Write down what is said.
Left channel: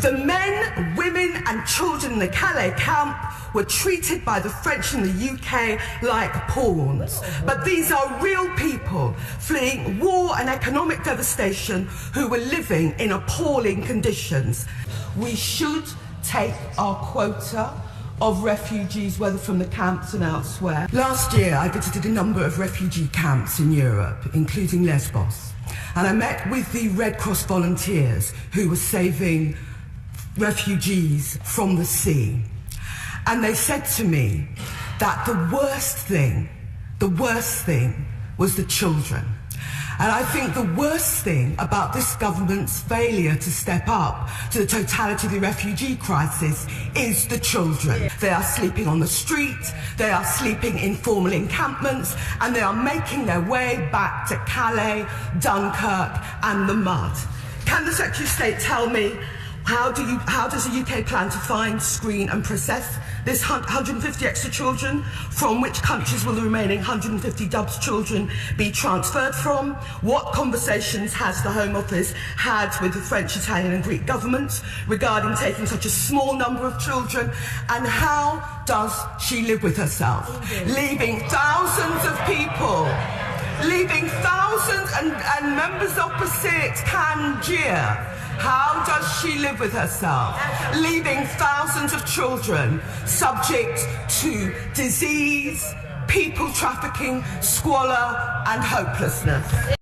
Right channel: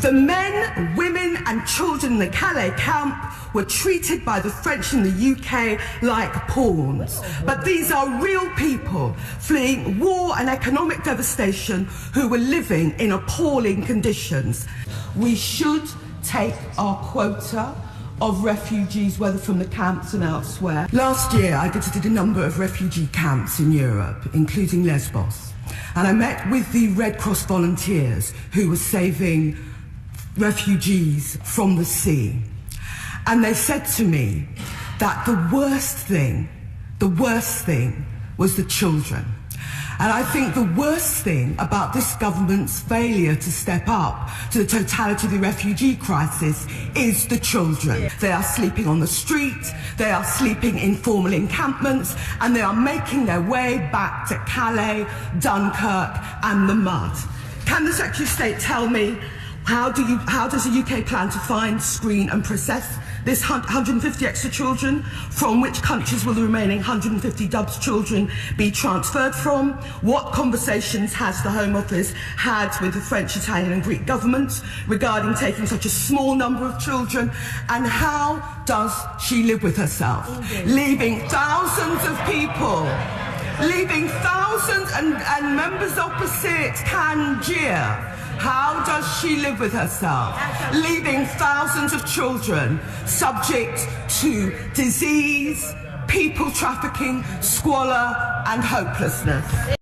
The men, women and children in the Calais camp were treated by the French in the UK like pawns. But these are real people fleeing war and economic devastation who were living in appalling conditions. We should take our quota of refugees, whether from the camps and elsewhere. Last year, I visited a number of refugee camps in Europe, including Lesbos, and I met with the Red Cross volunteers who were saving refugees from the sea. And they said to me that the worst thing was the children. And I think the worst thing about this government's failure to step up to the totality of the refugee crisis is the children. They are sleeping on the street, they are sleeping in formal encampments, and they are making their way back to Calais, Dunkirk and the mud. Can the Secretary of State tell me how does the UK plan to find, screen and process this 150 extra children? From which countries will the remaining 150 Dubs children be transferred from? What conversations has the Home Office had with the French, Italian and Greek governments regarding taking such a small number of children? And how does she live with herself, leaving thousands of people, leaving thousands and members opposite can jeer? How does she live with herself, leaving thousands of children subject to disease, people trafficking, squalor and hopelessness?